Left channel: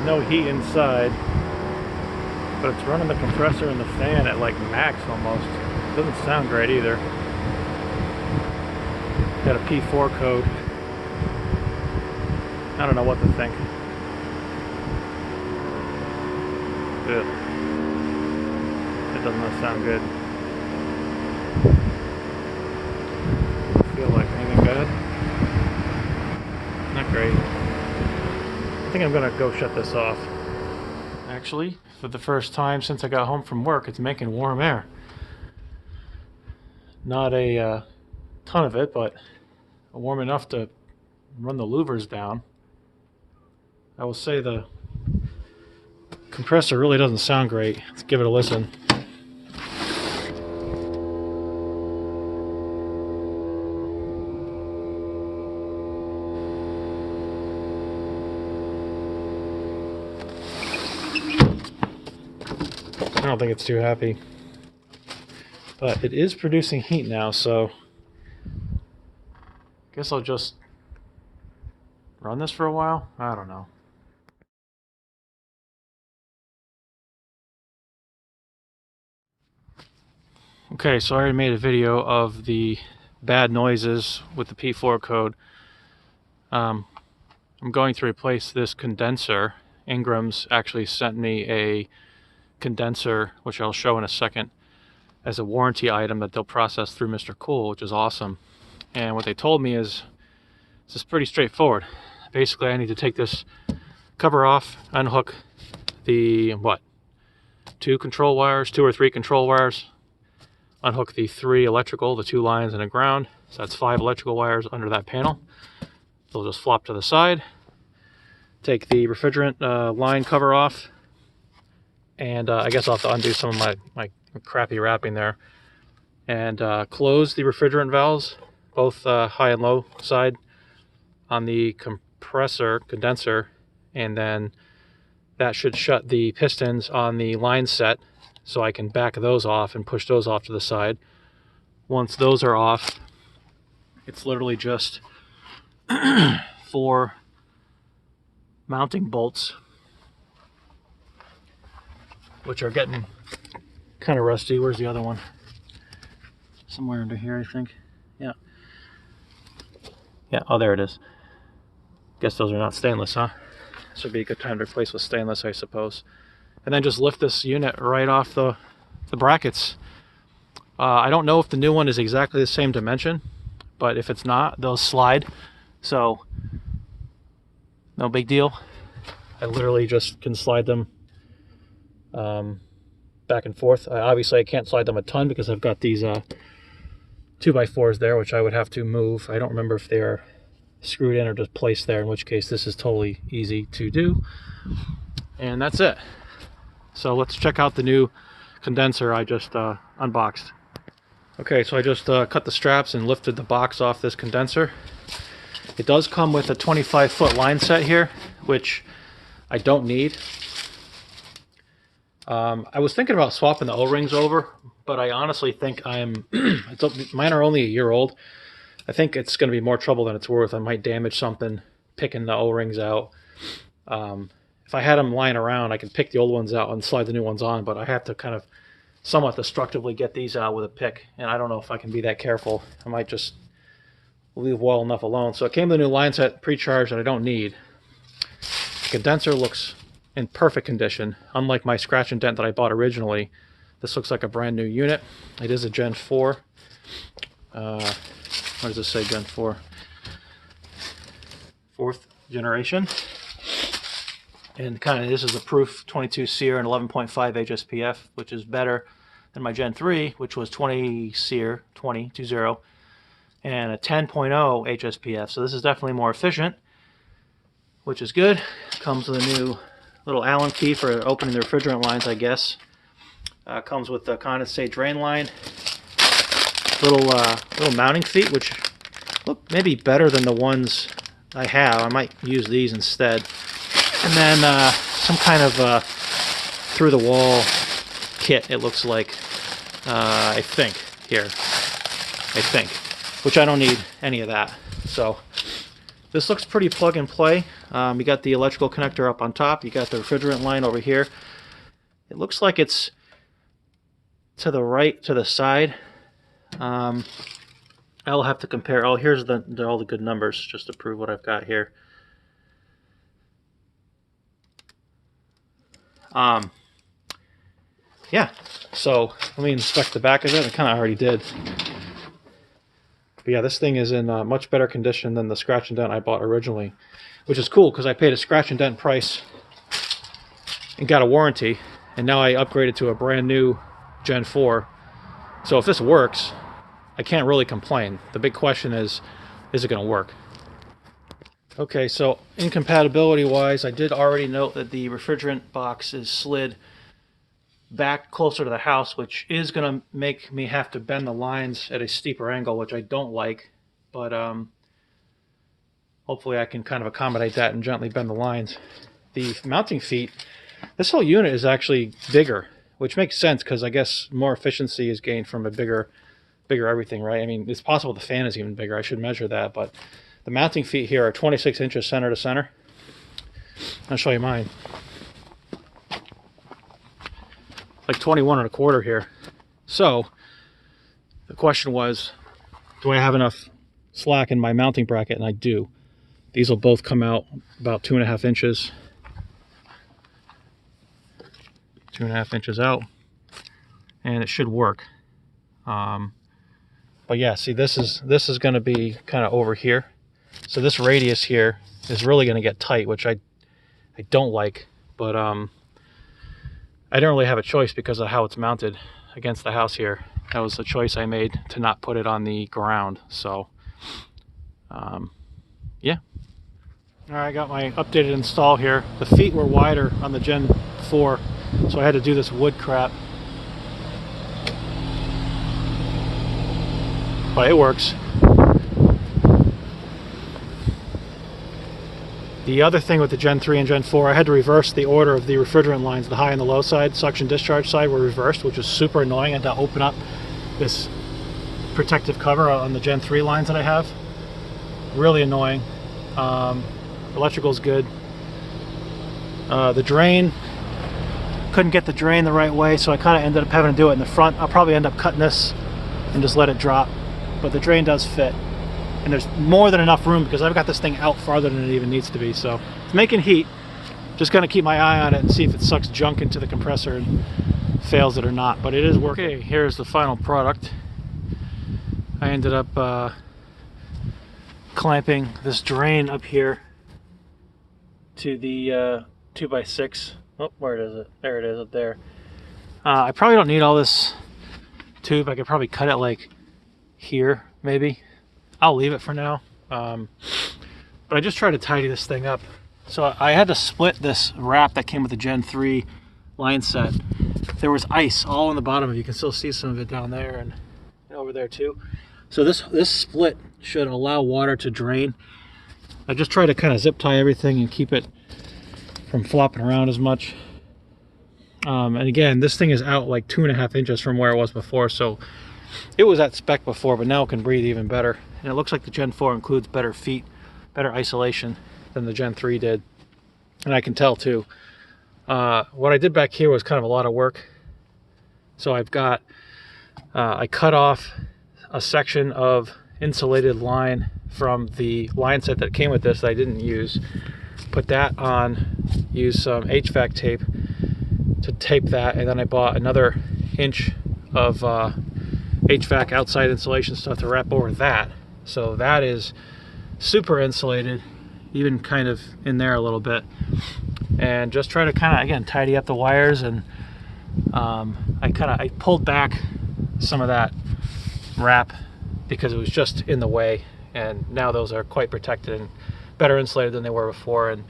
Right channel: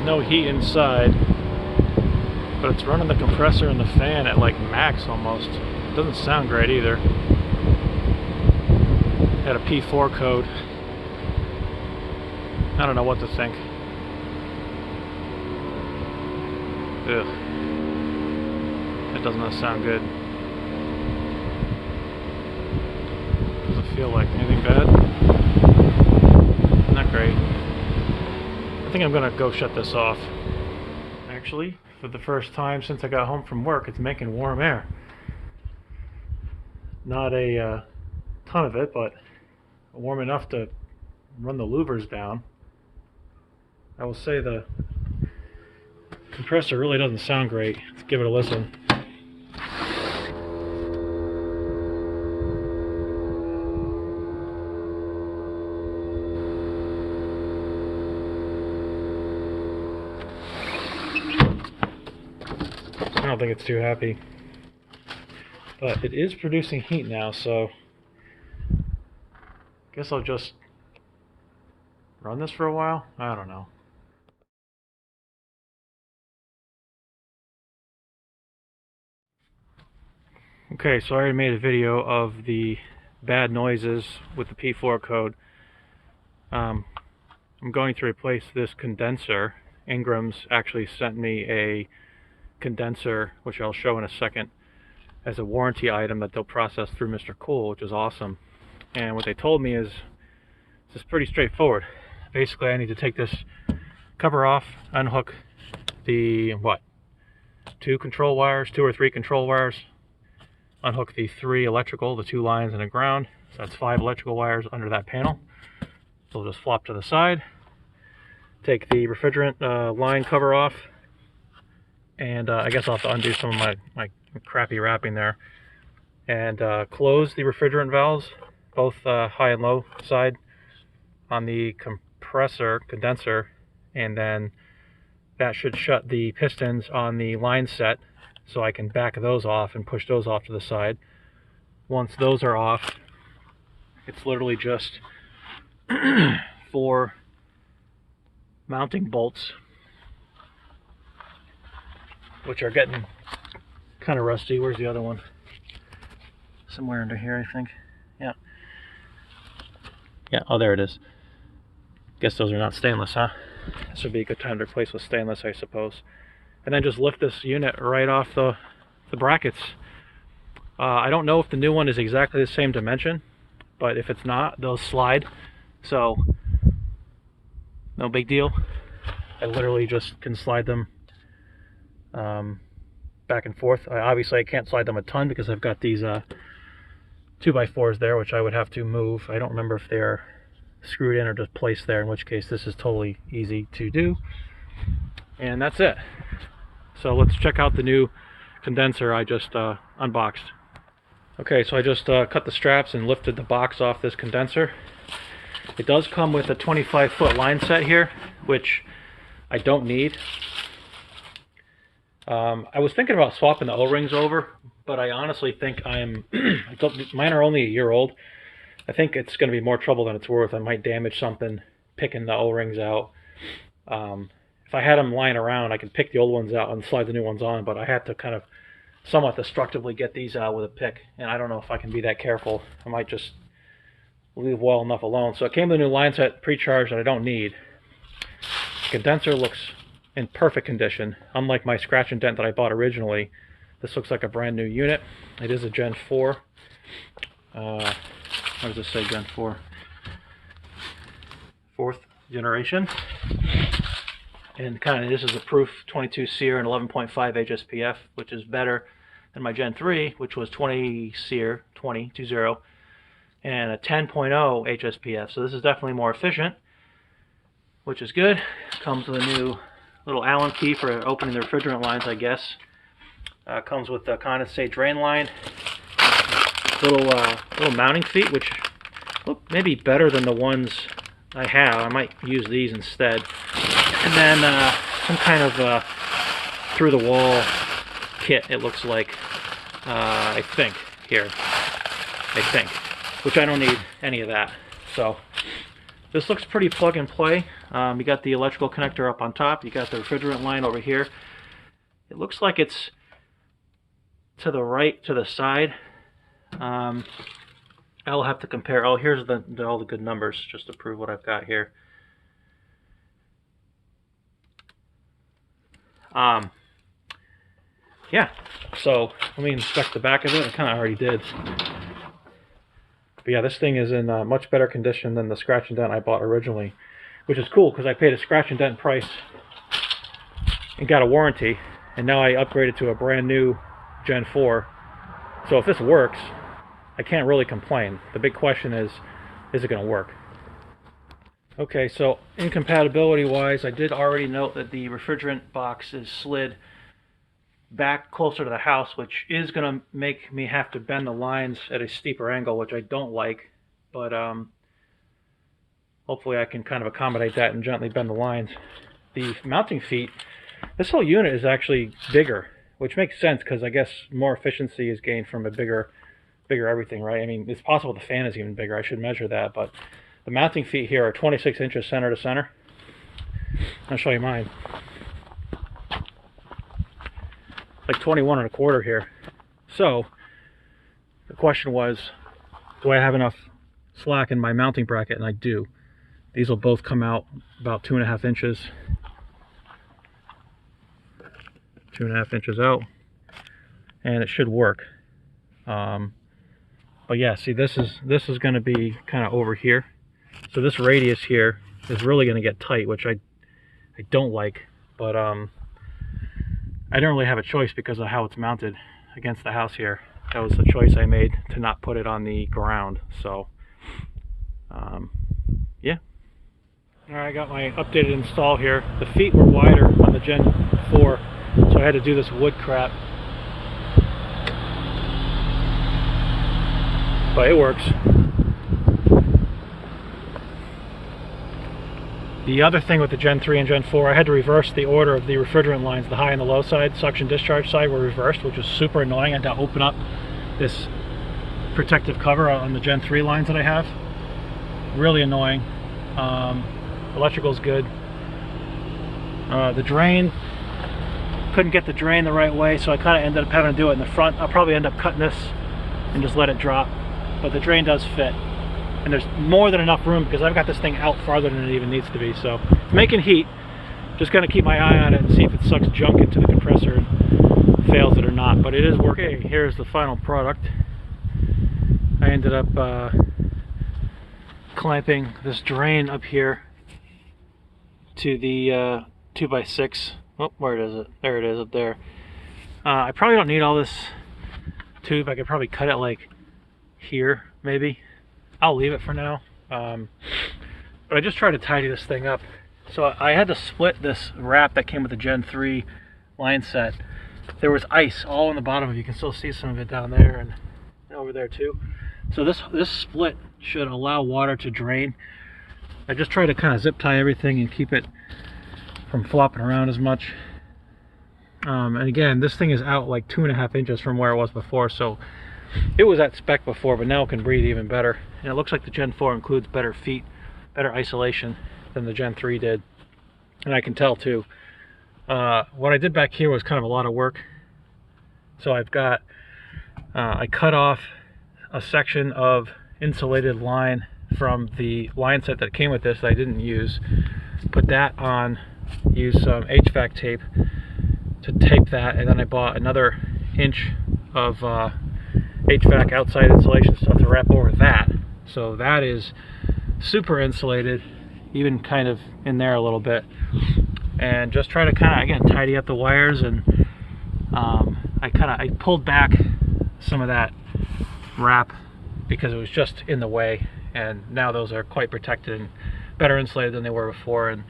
there's no heat inside, but it's running the compressor and the fan at like max almost. It doesn't sound great either. Got a P4 code. I don't know what to think. Ugh. It does not sound good. Does it feel like anything bad? Not great. I think I'm gonna go shut this off. Actually, for the first time since I got home from work, it's making warm air. Not a ton of it, but warm enough to run the louvers down. I will say the compressor really doesn't sound great. Let's give it a listen. I don't think it's too happy. But it is producing heat now, so I guess I'll just run this for a while. I don't know. Okay, so I already made a video of the bad noises with the P4 code. I'm going to replace this condenser. Ingrams actually sent me a condenser, which I'll show in a second, as a warranty item that they'll process through Mr. Cool, which is awesome. And what they told me is it's just pretty straightforward. Basically, I need to take this cover off, unhook the, two or three control wires, unhook the 3 electrical, the 2 lines and a ground. So that's 5 electrical wires under that panel. They'll just flop to the side. Take the refrigerant line cover off. And I guess I'll have to undo some of my crappy wrapping there. And close the refrigerant valves, both high and low side, on the condenser. And then that should shut the pistons on the line set, so I can back those off and push those off to the side. Once those are off, it's literally just 4 mounting bolts, which are getting kind of rusty. Where's the other one? Somewhere under here, I think. Yeah. Yeah, oh, there it is. Guess those are not stainless, huh? This would be a good time to replace with stainless, I suppose. And then just lift this unit right off the brackets. I don't know if the new one is exactly the same dimension, but if it's not, they'll slide. So, no big deal. I literally just can slide them back and forth. Obviously, I can't slide them a ton because I've got these 2x4s there, which I would have to move. I don't remember if they're screwed in or just placed there, in which case this is totally easy to do. And that's it. So let's check out the new condenser I just unboxed. Okay, so I just cut the straps and lifted the box off this condenser. It does come with a 25-foot line set here, which I don't need. I was thinking about swapping the O-rings over, but I honestly think mine are only a year old. I think it's going to be more trouble than it's worth. I might damage something picking the O-rings out. If I had them lying around, I could pick the old ones out and slide the new ones on, but I have to kind of somewhat destructively get these out with a pick, and I don't know if I can be that careful. I might just leave well enough alone. So it came with a new line set pre-charged that I don't need. The condenser looks in perfect condition. Unlike my scratch and dent that I bought originally, this looks like a brand new unit. It is a Gen 4. What does this say, Gen 4? 4th generation. And kind of this is a proof 22 SEER and 11.5 HSPF, which is better than my Gen 3, which was 20 SEER, 20, and a 10.0 HSPF. So this is definitely more efficient, which is good. Comes with a new little Allen key for opening the refrigerant lines, I guess. Comes with the condensate drain line. Little mounting feet, which look maybe better than the ones I have. I might use these instead. And then some kind of through-the-wall kit, it looks like, I think, here. I think. Which I don't need any of that. So, this looks pretty plug and play. You got the electrical connector up on top. You got the refrigerant line over here. It looks like it's to the right, to the side. I'll have to compare. Oh, here's all the good numbers just to prove what I've got here. Yeah, so let me inspect the back of it. I kind of already did. But yeah, this thing is in much better condition than the scratch and dent I bought originally, which is cool because I paid a scratch and dent price and got a warranty, and now I upgraded to a brand new Gen 4. So if this works, I can't really complain. The big question is it going to work? Okay, so incompatibility wise, I did already note that the refrigerant box is slid back closer to the house, which is going to make me have to bend the lines at a steeper angle, which I don't like, but hopefully I can kind of accommodate that and gently bend the lines. The mounting feet, this whole unit is actually bigger, which makes sense because I guess more efficiency is gained from a bigger everything, right? I mean, it's possible the fan is even bigger. I should measure that, but the mounting feet here are 26 inches center to center. I'll show you mine. Like 21 1/4 here. So the question was, do I have enough slack in my mounting bracket? And I do. These will both come out about 2.5 inches. 2.5 inches out, and it should work. But yeah, see, this is going to be kind of over here. So this radius here is really going to get tight, which I don't like. But I don't really have a choice because of how it's mounted against the house here. That was the choice I made to not put it on the ground. So, yeah. All right, I got my updated install here. The feet were wider on the Gen 4, so I had to do this wood crap. But it works. The other thing with the Gen 3 and Gen 4, I had to reverse the order of the refrigerant lines. The high and the low side, suction discharge side, were reversed, which was super annoying. I had to open up this protective cover on the Gen 3 lines that I have. Really annoying. Electrical's good. The drain, couldn't get the drain the right way, so I kind of ended up having to do it in the front. I'll probably end up cutting this and just let it drop. But the drain does fit. And there's more than enough room because I've got this thing out farther than it even needs to be. So it's making heat. Just gonna keep my eye on it and see if it sucks junk into the compressor and fails it or not. But it is working. Okay, here's the final product. I ended up clamping this drain up here to the 2x6. Oh, where is it? There it is up there. I probably don't need all this tube. I could probably cut it like here, maybe. I'll leave it for now, but I just try to tidy this thing up. So I had to split this wrap that came with the Gen 3 line set. There was ice all on the bottom of it. You can still see some of it down there and over there too. So this split should allow water to drain. I just try to kind of zip tie everything and keep it from flopping around as much. And again, this thing is out like 2.5 inches from where it was before, so it was at spec before, but now it can breathe even better. And it looks like the Gen 4 includes better feet, better isolation than the Gen 3 did. And I can tell too. What I did back here was kind of a lot of work. So I've got, I cut off a section of insulated line from the line set that came with this that I didn't use. Put that on, used some HVAC tape to tape that, and then I bought another inch of HVAC outside insulation stuff to wrap over that. So that is super insulated, even kind of in there a little bit. And just try to kind of, again, tidy up the wires. And I pulled back some of that wrap because it was just in the way. And now those are quite protected and better insulated than they were before. And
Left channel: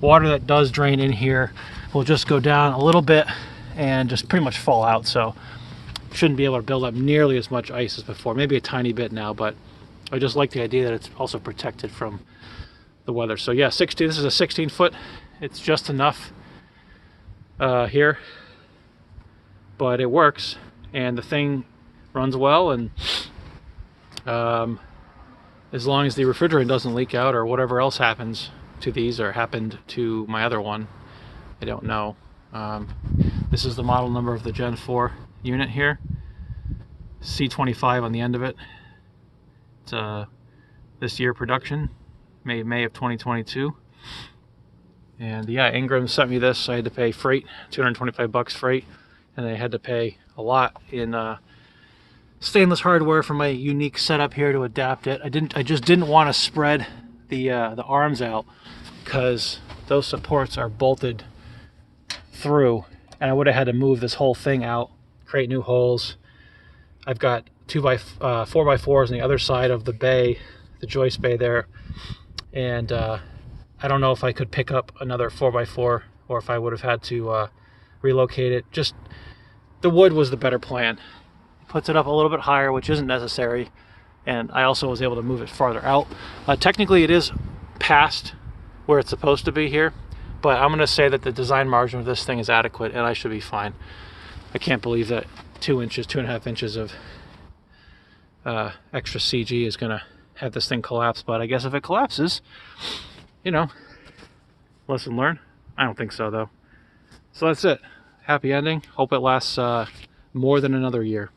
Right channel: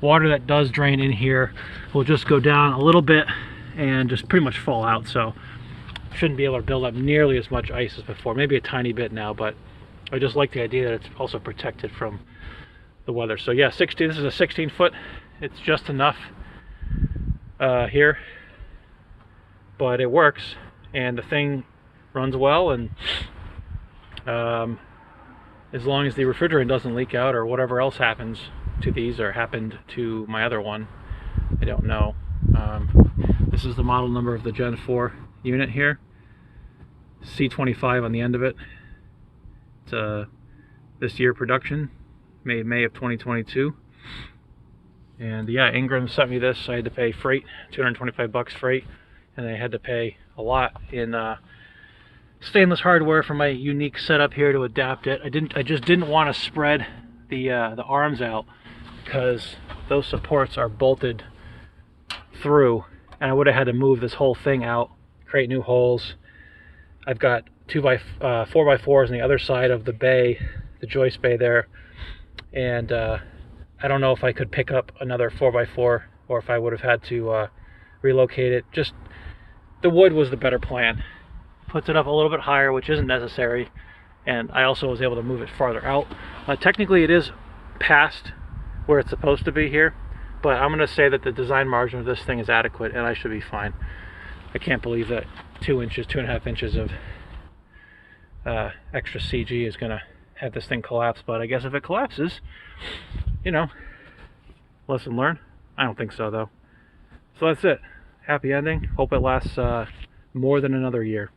water that does drain in here will just go down a little bit and just pretty much fall out. So shouldn't be able to build up nearly as much ice as before. Maybe a tiny bit now, but I just like the idea that it's also protected from the weather. So yeah, 16. This is a 16 foot. It's just enough here, but it works, and the thing runs well. And as long as the refrigerant doesn't leak out or whatever else happens, to these or happened to my other one. I don't know. This is the model number of the Gen 4 unit here. C25 on the end of it. It's this year production, May of 2022. And yeah, Ingrams sent me this. I had to pay freight, 225 bucks freight, and I had to pay a lot in stainless hardware for my unique setup here to adapt it. I just didn't want to spread the arms out because those supports are bolted through, and I would have had to move this whole thing out, create new holes. I've got 4x4s on the other side of the bay, the joist bay there, and I don't know if I could pick up another 4x4 or if I would have had to relocate it. Just the wood was the better plan. Puts it up a little bit higher, which isn't necessary, and I also was able to move it farther out. Technically it is past where it's supposed to be here, but I'm going to say that the design margin of this thing is adequate and I should be fine. I can't believe that 2.5 inches of extra CG is going to have this thing collapse, but I guess if it collapses, you know, lesson learned. I don't think so though. So that's it. Happy ending. Hope it lasts more than another year.